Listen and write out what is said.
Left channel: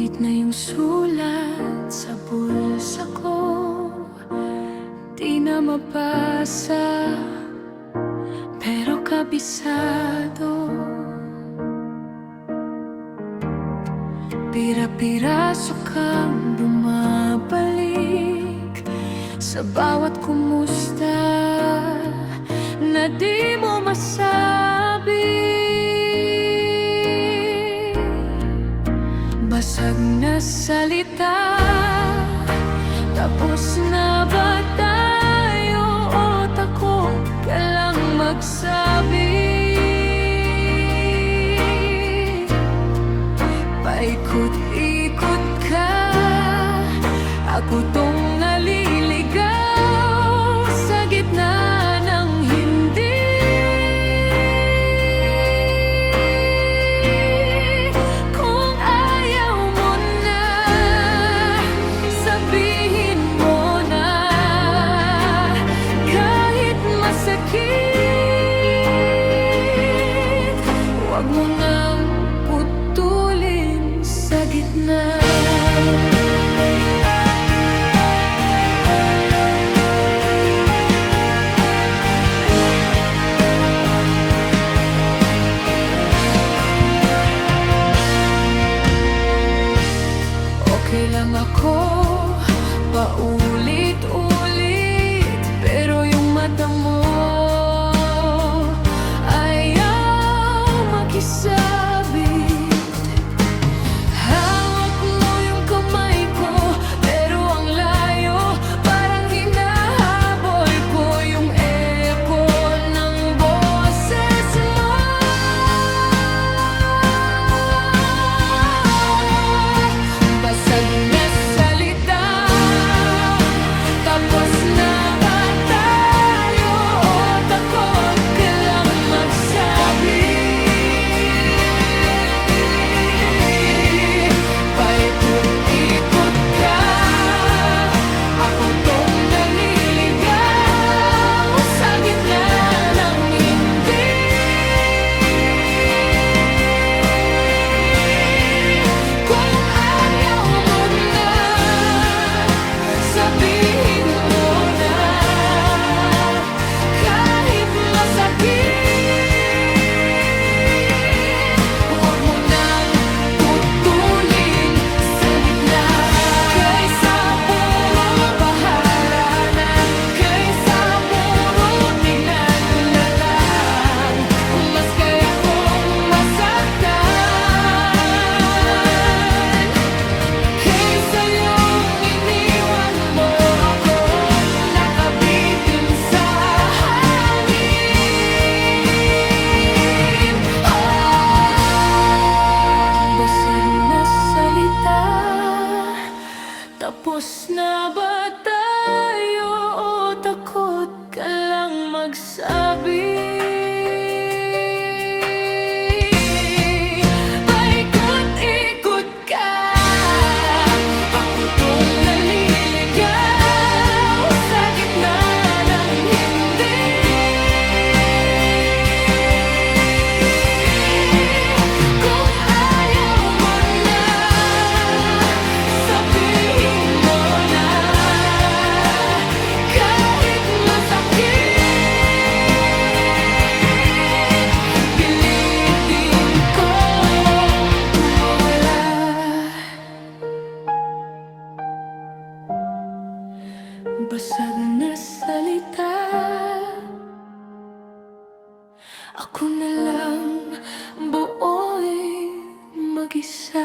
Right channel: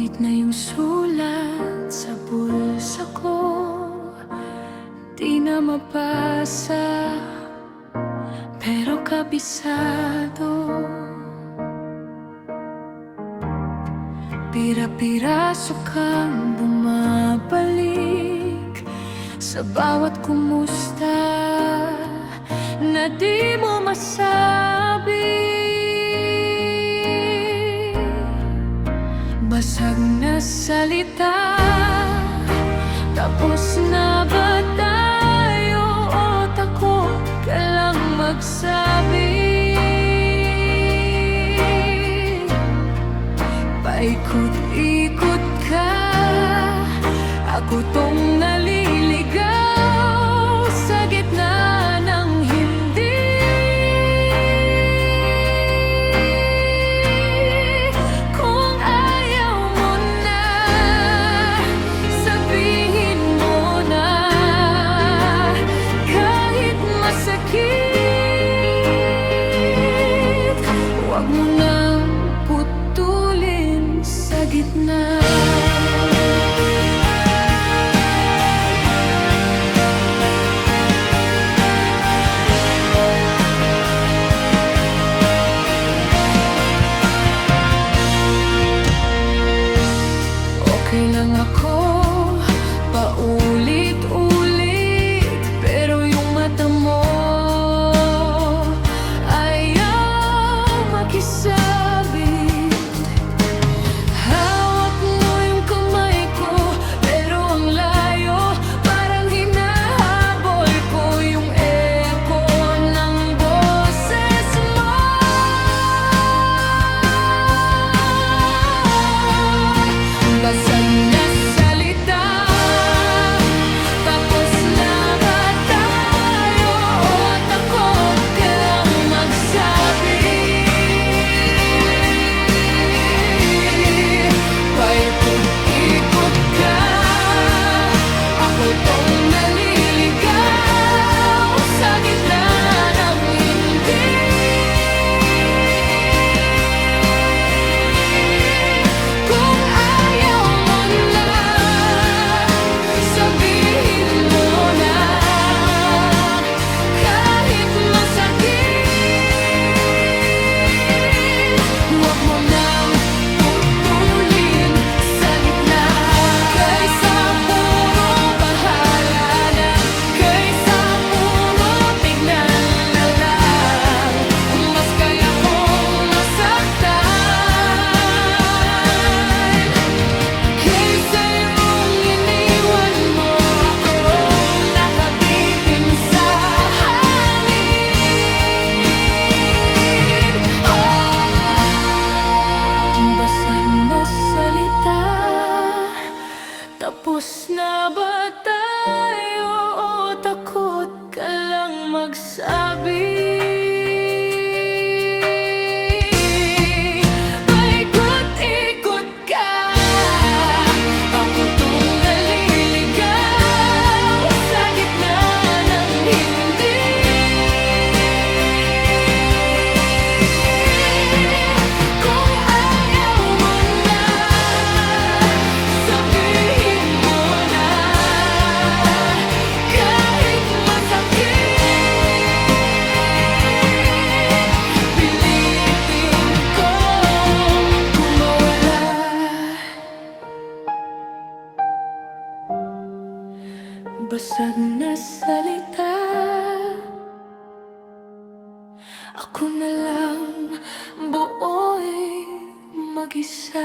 Ngunit na yung sulat sa bulsa ko, di na mabasa, pero kabisado. Pira-piraso kang bumabalik sa bawat kumusta na di mo masabi. Basag na salita, tapos na ba tayo o takot ka lang magsabi? Paikot-ikot ka, ako tong naliligaw sa gitna ng hindi. Kung ayaw mo na, sabihin mo na, kahit masakit, huwag mo nang putulin sa gitna. Okay lang ako, paulit-ulit, pero yung mata mo ayaw makisabit. Hawak mo yung kamay ko, pero ang layo, parang hinahabol ko yung echo ng boses mo. Basag na salita, tapos na ba tayo o takot ka lang magsabi? Paikot-ikot ka, ako tong naliligaw sa gitna ng hindi. Kung ayaw mo na, sabihin mo na, kahit masakit, huwag mo nang putulin sa gitna. Kaysa puro bahala na, kaysa puro tignan na lang, mas kaya kong masaktan kaysa yung iniwan mo akong nakabitin sa hangin. Basag na salita, tapos na ba tayo o takot ka lang magsabi? Paikot-ikot ka, ako tong naliligaw sa gitna ng hindi. Kung ayaw mo na, sabihin mo na, kahit masakit, pilitin kong kumawala. Basag na salita, ako na lang buoy mag-isa.